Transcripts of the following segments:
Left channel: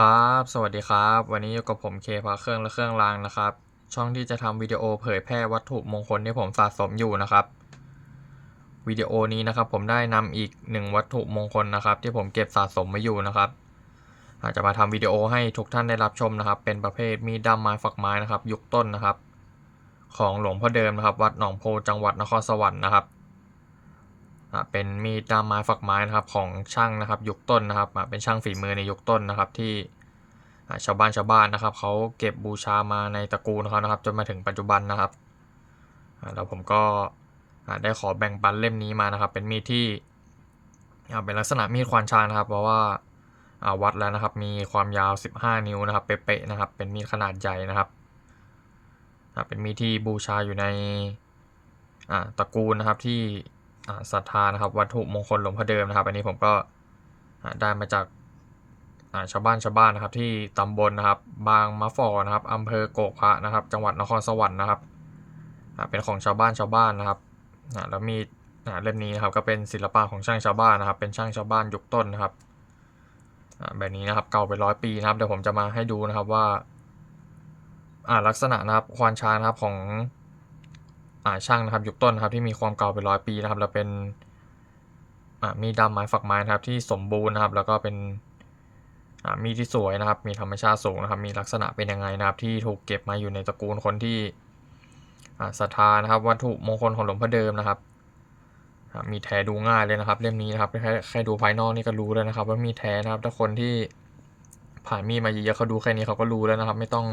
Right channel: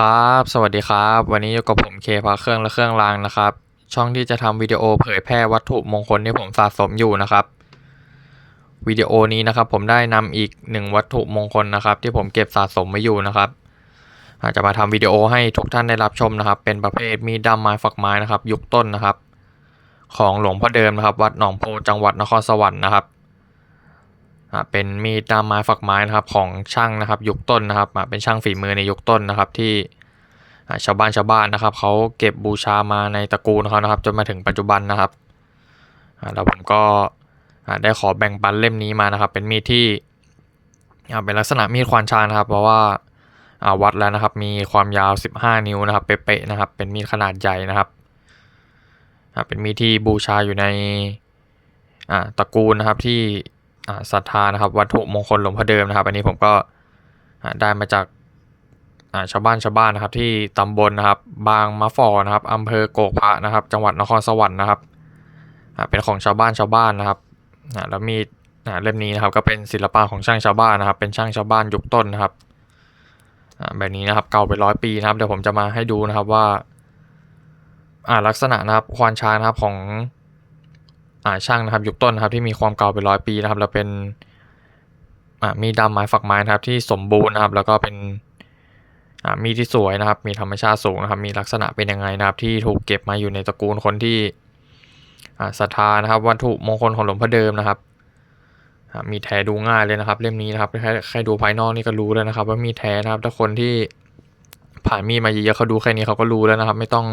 ครับ สวัสดีครับ วันนี้อยู่กับผมเคพาเครื่องและเครื่องรางนะครับ ช่องที่จะทำวิดีโอเผยแพร่วัตถุมงคลที่ผมสะสมอยู่นะครับ วิดีโอนี้นะครับผมได้นำอีกหนึ่งวัตถุมงคลนะครับ ที่ผมเก็บสะสมไว้อยู่นะครับอาจจะมาทำวิดีโอให้ทุกท่านได้รับชมนะครับ เป็นประเภทมีดด้ามไม้ฝักไม้นะครับ ยุคต้นนะครับ ของหลวงพ่อเดิมนะครับ วัดหนองโพจังหวัดนครสวรรค์นะครับ เป็นมีดด้ามไม้ฝักไม้นะครับของช่างนะครับยุคต้นนะครับเป็นช่างฝีมือในยุคต้นนะครับที่ชาวบ้านชาวบ้านนะครับเขาเก็บบูชามาในตระกูลเขานะครับจนมาถึงปัจจุบันนะครับอ่าแล้วผมก็ได้ขอแบ่งปันเล่มนี้มานะครับ เป็นมีดที่เป็นลักษณะมีดควานช้างนะครับ เพราะว่าวัดแล้วนะครับมีความยาว 15 นิ้วนะครับเป๊ะๆนะครับ เป็นมีดขนาดใหญ่นะครับเป็นมีดที่บูชาอยู่ในตระกูลนะครับที่ ศรัทธานะครับ วัตถุมงคลหลวงพ่อเดิมนะครับ อันนี้ผมก็ได้มาจากาชาวบ้านชาวบ้านนะครับ ที่ตำบลนะครับ บางมะฟอนะครับอำเภอโกกพระนะครับ จังหวัดนครสวรรค์นะครับเป็นของชาวบ้านชาวบ้านนะครับแล้วมีดอ่าเล่มนี้นะครับก็เป็นศิลปะของช่างชาวบ้านนะครับ เป็นช่างชาวบ้านยุคต้นนะครับแบบนี้นะครับเก่าไปร้อยปีนะครับเดี๋ยวผมจะมาให้ดูนะครับว่าอ่าลักษณะนะครับควานช้างนะครับของ อ่าช่างนะครับยุคต้นนะครับที่มีความเก่าเป็นร้อยปีนะครับแล้วเป็นอ่ามีดดำไม้ฝักไม้นะครับที่สมบูรณ์นะครับ แล้วก็เป็นอ่ามีที่สวยนะครับ มีธรรมชาติสูงนะครับ มีลักษณะเป็นยังไงนะครับ ที่ถูกเก็บมาอยู่ในตระกูลคนที่อ่าศรัทธานะครับ วัตถุมงคลของหลวงพ่อเดิมนะครับอามีแท้ดูง่ายเลยนะครับ เล่มนี้นะครับแค่แค่ดูภายนอกนี่ก็รู้แล้วนะครับ ว่ามีแท้นะครับ ถ้าคนที่ผ่านมีมาเยอะๆเขาดูแค่นี้เขาก็รู้แล้วนะครับ ไม่ต้อง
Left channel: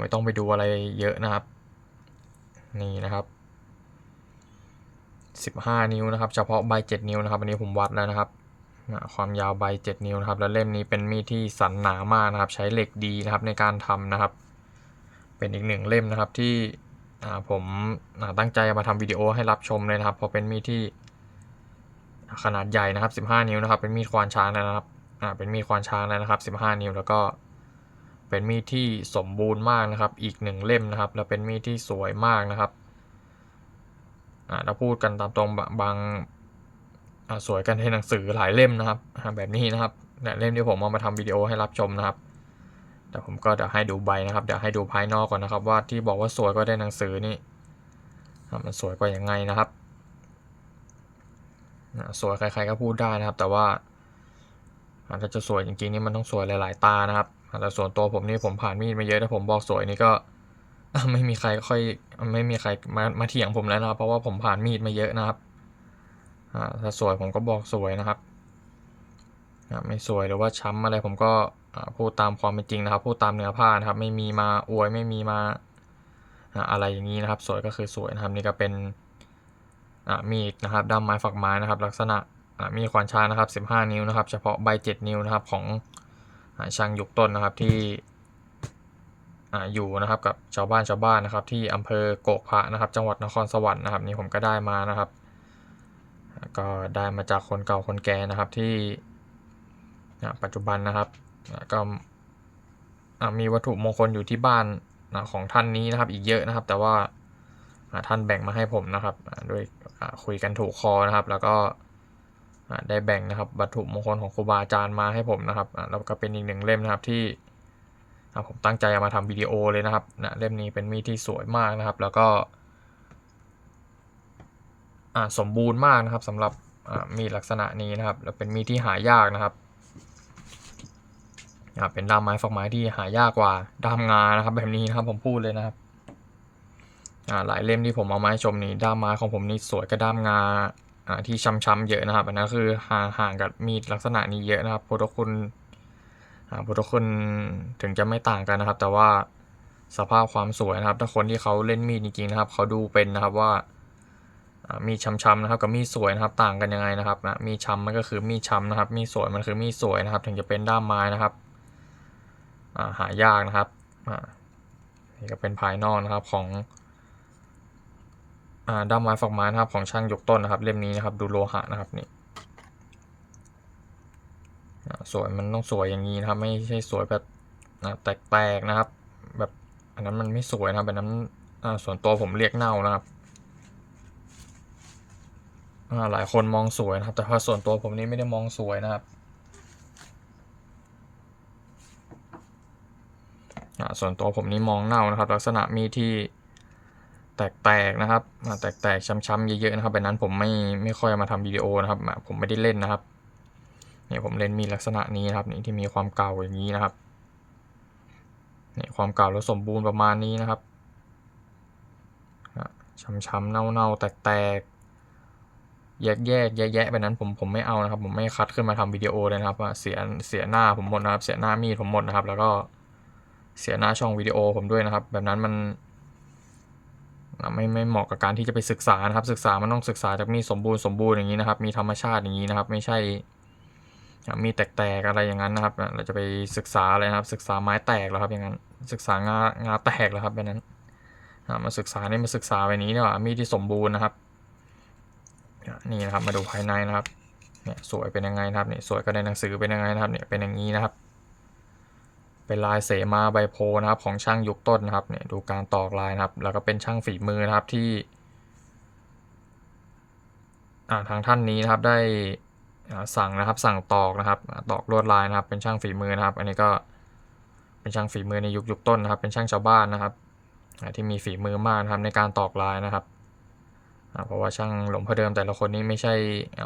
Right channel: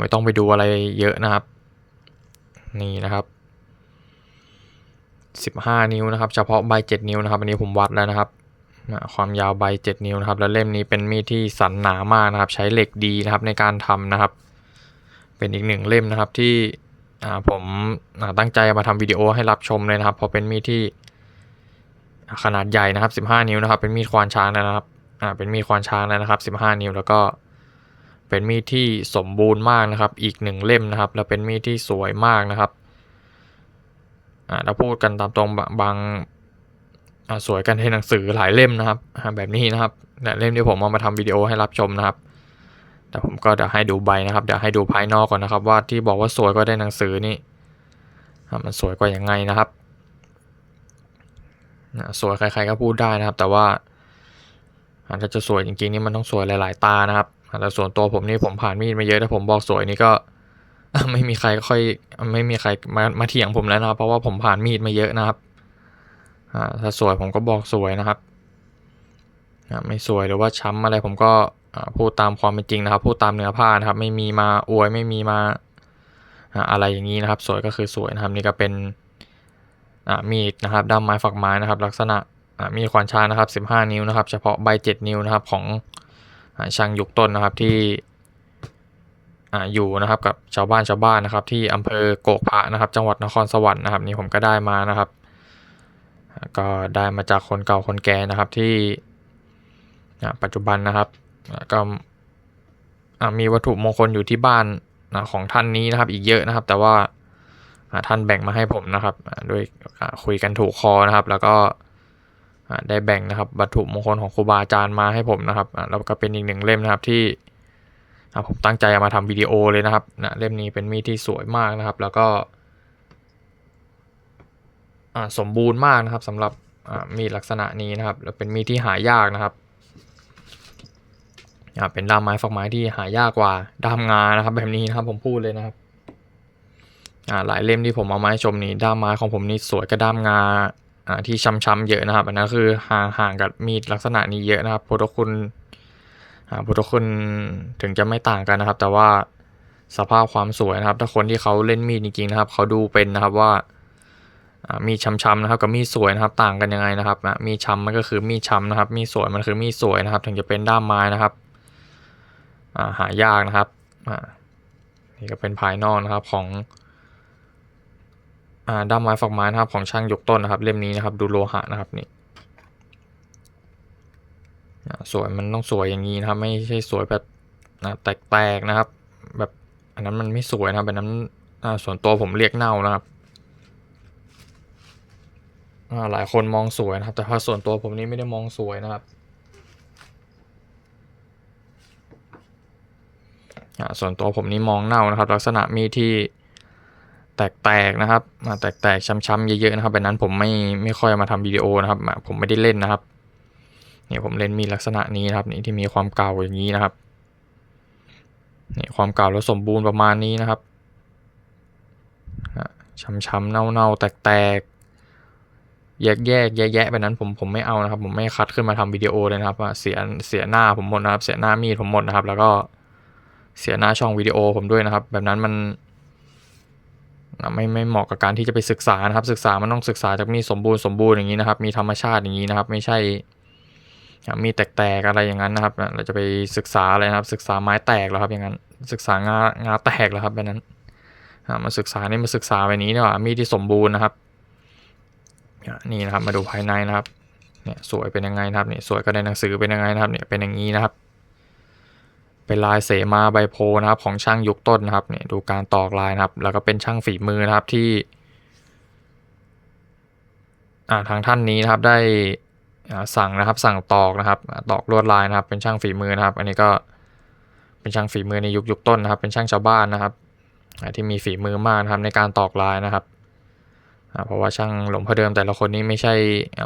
ไม่ต้องไปดูอะไรเยอะนะครับ นี่นะครับ15 นิ้วนะครับ เฉพาะใบ 7 นิ้วนะครับ อันนี้ผมวัดแล้วนะครับ ความยาวใบ 7 นิ้วนะครับ แล้วเล่มนี้เป็นมีดที่สันหนามากนะครับ ใช้เหล็กดีนะครับในการทำนะครับ เป็นอีกหนึ่งเล่มนะครับที่ผมตั้งใจมาทำวิดีโอให้รับชมเลยนะครับ เพราะเป็นมีดที่ขนาดใหญ่นะครับ 15 นิ้วนะครับ เป็นมีดควานช้างนะครับ เป็นมีดควานช้างนะครับ 15 นิ้วแล้วก็ เป็นมีดที่สมบูรณ์มากนะครับ อีกหนึ่งเล่มนะครับ แล้วเป็นมีดที่สวยมากนะครับอ่าถ้าพูดกันตามตรงบางบางสวยกันในหนังสือหลายเล่มนะครับแบบนี้นะครับเล่มที่ผมเอามาทำวิดีโอให้รับชมนะครับ แต่ผมก็เดี๋ยวให้ดูใบนะครับเดี๋ยวให้ดูภายนอกก่อนนะครับ ว่าที่บอกว่าสวยก็ได้หนังสือนี่มันสวยกว่ายังไงนะครับสวยใครๆก็พูดได้นะครับ แต่ว่า อ่าถ้าจะสวยจริงๆนี่มันต้องสวยหลาย ๆ ตานะครับแต่ส่วนตัวผมนี่ผมผ่านมีดมาเยอะถ้าผมบอกสวยนี่ก็ ไม่มีใครค่อย ไม่มีใครมามาเถียงผมแล้วนะครับ เพราะว่าผมผ่านมีดมาเยอะนะครับอ่าถ้าสวยผมก็บอกสวยนะครับไม่สวยหรือว่าช้ำอะไรผมก็พูดตามความเป็นจริงนะครับ พูดตามเนื้อผ้านะครับ ไม่มีมาอวยไม่มีมาอะไรอย่างนี้นะครับ สวยก็คือสวยนะครับ นี่ก็เป็นมีดนะครับด้ามไม้ฝักไม้นะครับ ลักษณะ มีควานช้างนะครับ 15 นิ้วนะครับ เฉพาะใบ 7 นิ้วนะครับของอช่างยุคต้นนะครับที่ออยู่นะครับกับชาวบ้านชาวบ้านนะครับ ที่อำเภอโกกพระนะครับ จังหวัดนครสวรรค์นะครับนี่ผมก็ได้มานะครับ ก็ได้มาจากคนเก่าคนแก่นะครับที่ปัจจุบันนะครับก็มีวัตถุมงคลอยู่ที่บ้านของท่านนี้นะครับอีกเยอะนะครับ แต่ว่าท่านแบ่งมาให้ผมนะครับ ด้วยคุยกันถูกคอนะครับ แล้วก็ ได้แบ่งนะครับวัตถุมงคลของครูบาอาจารย์มาให้ผมนะครับแล้วก็เป็นอีกหนึ่งเล่มนะครับที่ผมตั้งใจเอามาทำวิดีโอเลยนะครับนะเล่มนี้เป็นมีดที่สวยมากนะครับ แล้วก็สมบูรณ์มากนะครับสำหรับมีดลักษณะนี้นะครับ แล้วเป็นมีดที่หายากนะครับเป็นด้ามไม้ฝักไม้ที่หายากกว่าด้ามงานะครับ แบบนี้นะครับผมพูดเลยนะครับหลายเล่มที่ผมเอามาให้ชมนี้ด้ามไม้ของผมนี่สวยกว่าด้ามงา ที่ช้ำๆเยอะนะครับอันนั้นคือห่างห่างกับมีดลักษณะนี้เยอะนะครับพุทธคุณอ่าพุทธคุณถึงจะไม่ต่างกันนะครับ แต่ว่าสภาพความสวยนะครับ ถ้าคนที่เขาเล่นมีดจริงๆนะครับ เขาดูเป็นนะครับว่าอ่ามีช้ำๆนะครับกับมีดสวยนะครับต่างกันยังไงนะครับมีช้ำมันก็คือมีดช้ำนะครับ มีดสวยมันคือมีดสวยนะครับ ถึงจะเป็นด้ามไม้นะครับอ่าหายากนะครับอ่านี่ก็เป็นภายนอกนะครับของ ด้ามไม้ฝักไม้นะครับของช่างยกต้นนะครับ เล่มนี้นะครับ ดูโลหะนะครับนี่อ่าสวยมันต้องสวยอย่างนี้นะครับ ไม่ใช่สวยแบบอ่าแตกๆนะครับ แบบอันนั้นมันไม่สวยนะครับแบบนั้นอ่าส่วนตัวผมเรียกเน่านะครับอ่าหลายคนมองสวยนะครับ แต่พอส่วนตัวผมนี่ไม่ได้มองสวยนะครับอ่าส่วนตัวผมนี่มองเน่านะครับ ลักษณะมีดที่ แตกๆนะครับอ่าแตกๆช้ำๆเยอะๆนะครับแบบนั้นผมไม่ไม่ค่อยมาทำวิดีโอนะครับผมไม่ได้เล่นนะครับเนี่ยผมเล่นมีลักษณะนี้นะครับนี่ที่มีความเก่าอย่างนี้นะครับนี่ความเก่าแล้วสมบูรณ์ประมาณนี้นะครับช้ำๆเน่าๆแตกๆแยกแยกแยะแยะแบบนั้นผมผมไม่เอานะครับ ผมไม่คัดขึ้นมาทำวิดีโอเลยนะครับเสียเสียหน้าผมหมดนะครับ เสียหน้ามีดผมหมดนะครับ แล้วก็เสียหน้าช่องวิดีโอผมด้วยนะครับ แบบนั้นมัน ไม่ไม่เหมาะกับการที่จะไปศึกษานะครับ ศึกษามันต้องศึกษาจากมีสมบูรณ์สมบูรณ์อย่างนี้นะครับ มีธรรมชาติอย่างนี้นะครับ ไม่ใช่ มีแตกๆอะไรอย่างนั้นนะครับ เราจะไปศึกษาอะไรนะครับ ศึกษาไม้แตกแล้วครับอย่างนั้น ศึกษางางาแตกแล้วครับแบบนั้นมาศึกษานี่มาศึกษาไปนี้ดีกว่ามีที่สมบูรณ์นะครับนี่นะครับมาดูภายในนะครับเนี่ยสวยเป็นยังไงนะครับเนี่ยสวยก็ในหนังสือเป็นยังไงนะครับเนี่ยเป็นอย่างนี้นะครับ เป็นลายเสมาใบโพนะครับของช่างยุคต้นนะครับเนี่ยดูการตอกลายนะครับ แล้วก็เป็นช่างฝีมือนะครับที่ทางท่านนี้นะครับได้สั่งนะครับสั่งตอกนะครับตอกลวดลายนะครับ เป็นช่างฝีมือนะครับ อันนี้ก็เป็นช่างฝีมือในยุคยุคต้นนะครับ เป็นช่างชาวบ้านนะครับที่มีฝีมือมากนะครับในการตอกลายนะครับเพราะว่าช่างหลวงพ่อเดิมแต่ละคนนี้ไม่ใช่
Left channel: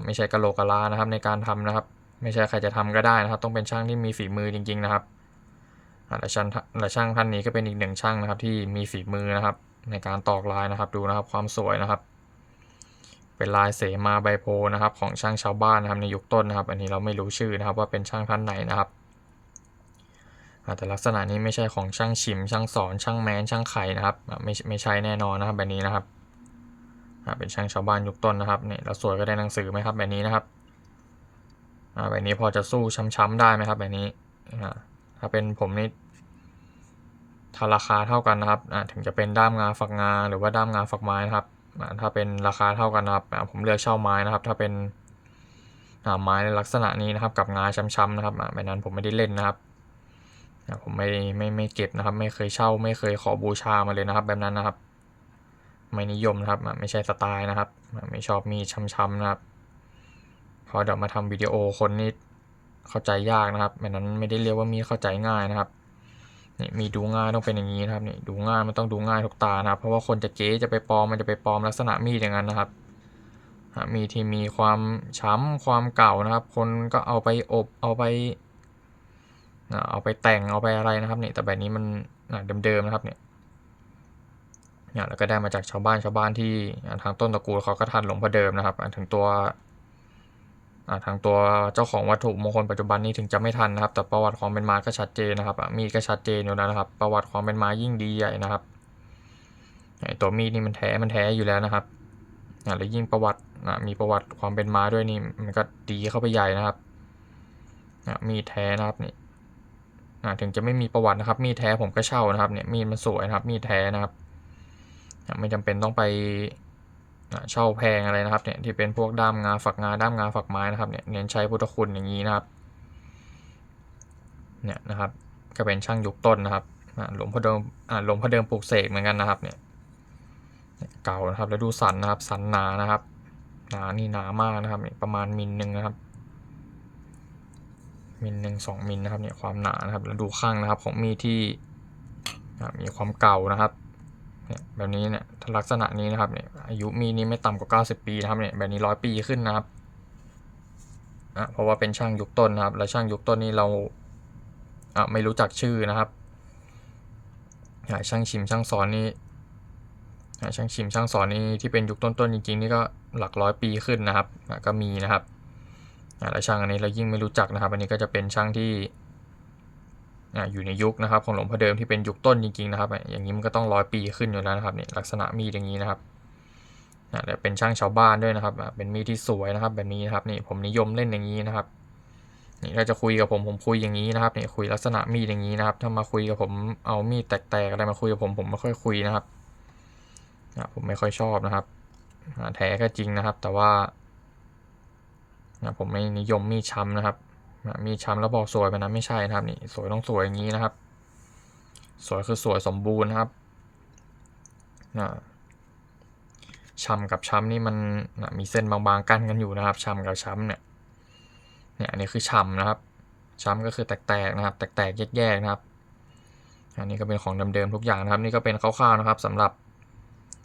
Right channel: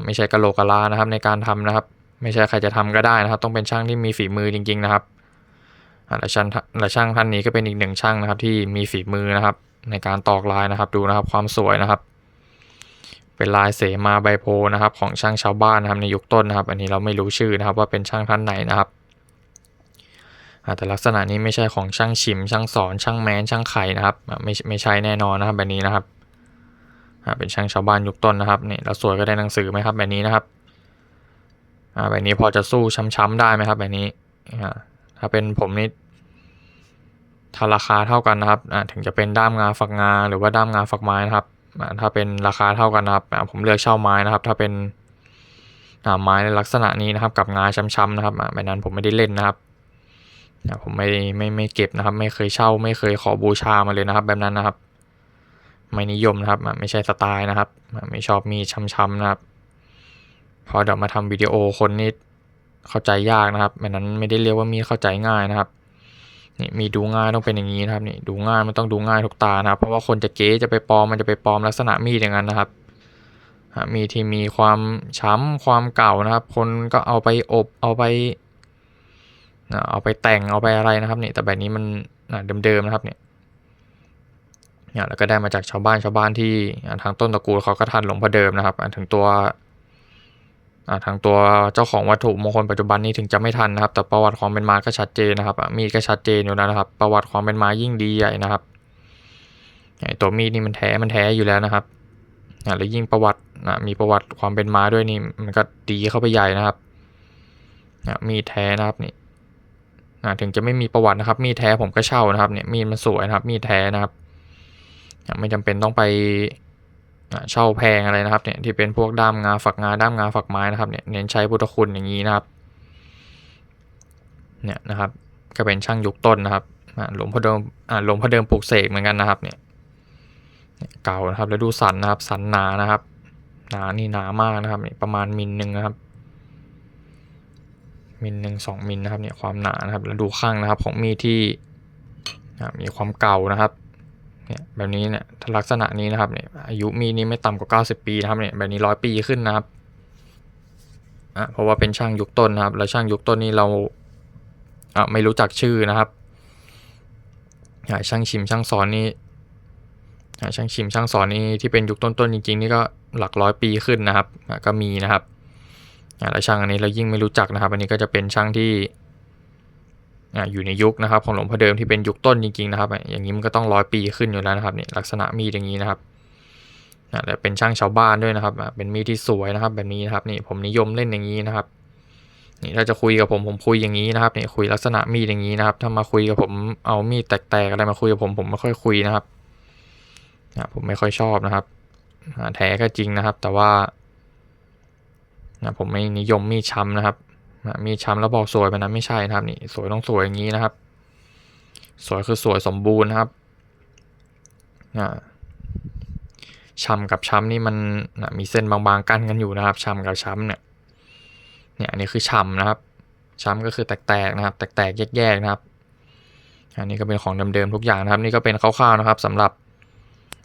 ไม่ใช่กะโหลกกะลานะครับในการทำนะครับ ไม่ใช่ใครจะทำก็ได้นะครับ ต้องเป็นช่างที่มีฝีมือจริง ๆ นะครับ และช่างและช่างท่านนี้ก็เป็นอีกหนึ่งช่างนะครับ ที่มีฝีมือนะครับ ในการตอกลายนะครับดูนะครับความสวยนะครับ เป็นลายเสมาใบโพนะครับ ของช่างชาวบ้านนะครับในยุคต้นนะครับ อันนี้เราไม่รู้ชื่อนะครับว่าเป็นช่างท่านไหนนะครับแต่ลักษณะนี้ไม่ใช่ของช่างชิม ช่างสอนช่างแมนช่างไข่นะครับไม่ไม่ใช่แน่นอนนะครับแบบนี้นะครับเป็นช่างชาวบ้านยุคต้นนะครับนี่แล้วสวยก็ได้หนังสือไหมครับแบบนี้นะครับแบบนี้พอจะสู้ช้ำๆได้ไหมครับแบบนี้ถ้าเป็นผมนี่ ถ้าราคาเท่ากันนะครับถึงจะเป็นด้ามงาฝักงาหรือว่าด้ามงาฝักไม้นะครับถ้าเป็นราคาเท่ากันนะครับผมเลือกเช่าไม้นะครับ ถ้าเป็นไม้ในลักษณะนี้นะครับกับงาช้ำๆนะครับแบบนั้นผมไม่ได้เล่นนะครับผมไม่ไม่ไม่เก็บนะครับ ไม่เคยเช่า ไม่เคยขอบูชามาเลยนะครับ แบบนั้นนะครับ ไม่นิยมนะครับ ไม่ใช่สไตล์นะครับ ไม่ชอบมีช้ำๆนะครับ พอเดี๋ยวมาทำวิดีโอคนนี่เข้าใจยากนะครับแบบนั้นไม่ได้เรียกว่ามีเข้าใจง่ายนะครับ นี่มีดูง่ายต้องเป็นอย่างนี้นะครับนี่ดูง่ายมันต้องดูง่ายทุกตานะครับ เพราะว่าคนจะเก๊จะไปปลอมมันจะไปปลอมลักษณะมีดอย่างนั้นนะครับมีที่มีความช้ำความเก่านะครับ คนก็เอาไปอบเอาไปเอาไปแต่งเอาไปอะไรนะครับนี่แต่แบบนี้มันเดิมๆนะครับเนี่ยเนี่ยแล้วก็ได้มาจากชาวบ้านชาวบ้านที่ทางต้นตระกูลเขาก็ทันหลวงพ่อเดิมนะครับอ่าถึงตัว ทางตัวเจ้าของวัตถุมงคลปัจจุบันนี้ถึงจะไม่ทันนะครับ แต่ประวัติความเป็นมาก็ชัดเจนนะครับ มีก็ชัดเจนอยู่แล้วนะครับ ประวัติความเป็นมายิ่งดีใหญ่นะครับไอตัวมีดนี่มันแท้มันแท้อยู่แล้วนะครับอ่าแล้วยิ่งประวัติอะมีประวัติความเป็นมาด้วยนี่มันก็ดีเข้าไปใหญ่นะครับอะมีแท้นะครับนี่อ่าถึงจะไม่มีประวัตินะครับ มีแท้ผมก็เช่านะครับเนี่ยมีดมันสวยนะครับ มีแท้นะครับ ไม่จำเป็นต้องไป เช่าแพงอะไรนะครับเนี่ยที่เป็นพวกด้ามงาฝักงาด้ามงาฝักไม้นะครับเนี่ยเน้นใช้พุทธคุณอย่างนี้นะครับเนี่ยนะครับก็เป็นช่างยุคต้นนะครับหลวงพ่อเดิมหลวงพ่อเดิมปลูกเสกเหมือนกันนะครับเนี่ยเก่านะครับแล้วดูสันนะครับสันหนานะครับหนานี่หนามากนะครับเนี่ยประมาณมิลหนึ่งนะครับมิลหนึ่งสองมิลนะครับเนี่ยความหนานะครับแล้วดูข้างนะครับของมีดที่มีความเก่านะครับ เนี่ยแบบนี้เนี่ยถ้าลักษณะนี้นะครับเนี่ยอายุมีนี้ไม่ต่ำกว่า 90 ปีนะครับเนี่ยแบบนี้ร้อยปีขึ้นนะครับอะเพราะว่าเป็นช่างยุคต้นนะครับ แล้วช่างยุคต้นนี้เราอะไม่รู้จักชื่อนะครับช่างชิมช่างสอนนี่ช่างชิมช่างสอนนี่ที่เป็นยุคต้นๆจริงๆนี่ก็หลักร้อยปีขึ้นนะครับอะก็มีนะครับอะแล้วช่างอันนี้เรายิ่งไม่รู้จักนะครับ อันนี้ก็จะเป็นช่างที่ อยู่ในยุคนะครับของหลวงพ่อเดิมที่เป็นยุคต้นจริงๆนะครับ อย่างนี้มันก็ต้องร้อยปีขึ้นอยู่แล้วนะครับเนี่ยลักษณะมีดอย่างนี้นะครับอะแต่เป็นช่างชาวบ้านด้วยนะครับ เป็นมีดที่สวยนะครับแบบนี้นะครับนี่ผมนิยมเล่นอย่างนี้นะครับนี่ถ้าจะคุยกับผมผมคุยอย่างนี้นะครับนี่คุยลักษณะมีดอย่างนี้นะครับ ถ้ามาคุยกับผมเอามีดแตกๆอะไรมาคุยกับผมผมไม่ค่อยคุยนะครับอะผมไม่ค่อยชอบนะครับอะแท้ก็จริงนะครับ แต่ว่าอะผมไม่นิยมมีดช้ำนะครับ อะมีช้ำแล้วบอกสวยไปนะไม่ใช่นะครับนี่สวยต้องสวยอย่างนี้นะครับ สวยคือสวยสมบูรณ์นะครับอ่าช้ำกับช้ำนี่มันนะมีเส้นบางๆกั้นกันอยู่นะครับช้ำกับช้ำเนี่ยเนี่ยอันนี้คือช้ำนะครับ ช้ำก็คือแตกๆนะครับ แตกๆแยกๆนะครับอันนี้ก็เป็นของเดิมๆทุกอย่างนะครับ นี่ก็เป็นคร่าวๆนะครับสำหรับ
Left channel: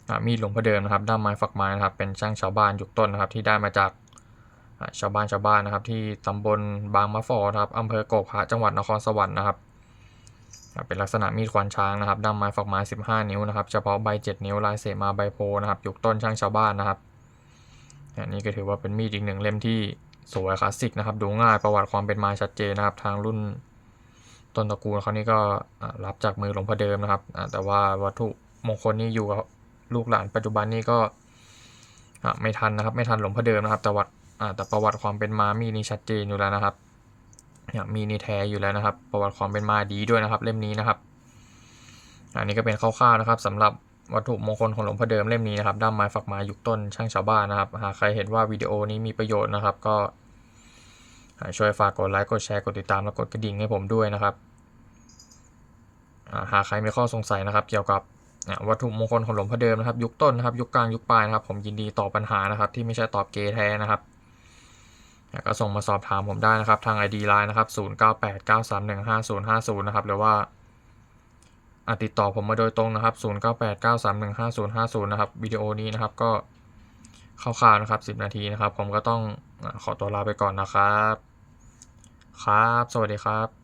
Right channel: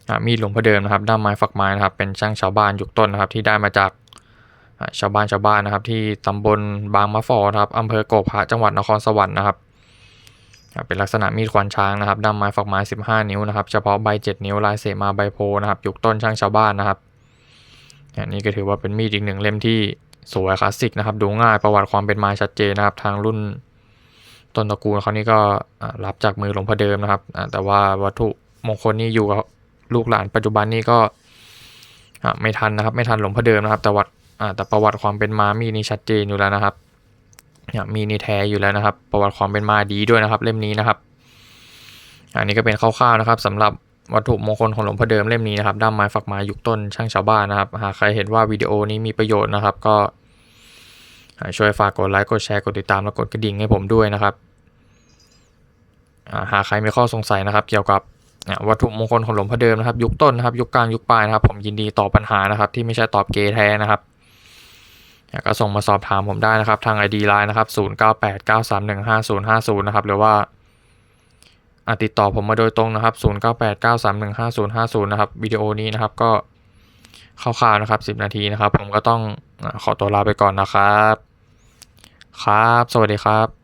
อ่ามีดหลวงพ่อเดิมนะครับด้ามไม้ฝักไม้นะครับ เป็นช่างชาวบ้านยุคต้นนะครับ ที่ได้มาจาก ชาวบ้านชาวบ้านนะครับ ที่ตำบลบางมะฟอนะครับอำเภอโกกพระจังหวัดนครสวรรค์นะครับเป็นลักษณะมีดควานช้างนะครับด้ามไม้ฝักไม้ 15 นิ้วนะครับ เฉพาะใบ 7 นิ้วลายเสมาใบโพนะครับยุคต้นช่างชาวบ้านนะครับอันนี้ก็ถือว่าเป็นมีดอีกหนึ่งเล่มที่สวยคลาสสิกนะครับ ดูง่ายประวัติความเป็นมาชัดเจนนะครับ ทางรุ่นต้นตระกูลเขานี่ก็รับจากมือหลวงพ่อเดิมนะครับ แต่ว่าวัตถุมงคลนี่อยู่กับลูกหลานปัจจุบันนี่ก็ไม่ทันนะครับ ไม่ทันหลวงพ่อเดิมนะครับ แต่วัด อ่าแต่ประวัติความเป็นมามีนี่ชัดเจนอยู่แล้วนะครับเนี่ยมีนี่แท้อยู่แล้วนะครับ ประวัติความเป็นมาดีด้วยนะครับ เล่มนี้นะครับ อันนี้ก็เป็นคร่าวๆนะครับสำหรับวัตถุมงคลของหลวงพ่อเดิมเล่มนี้นะครับด้ามไม้ฝักไม้ยุคต้นช่างชาวบ้านนะครับหากใครเห็นว่าวิดีโอนี้มีประโยชน์นะครับ ก็ช่วยฝากกดไลค์กดแชร์กดติดตามและกดกระดิ่งให้ผมด้วยนะครับหากใครมีข้อสงสัยนะครับ เกี่ยวกับวัตถุมงคลของหลวงพ่อเดิมนะครับ ยุคต้นนะครับ ยุคกลางยุคปลายนะครับ ผมยินดีตอบปัญหานะครับ ที่ไม่ใช่ตอบเกย์แท้นะครับ ก็ส่งมาสอบถามผมได้นะครับทาง ID Line นะครับ 0989315050 นะครับ หรือว่าติดต่อผมมาโดยตรงนะครับ 0989315050 นะครับวิดีโอนี้นะครับก็คร่าวๆนะครับ 10 นาทีนะครับ ผมก็ต้องขอตัวลาไปก่อนนะครับ ครับ สวัสดีครับ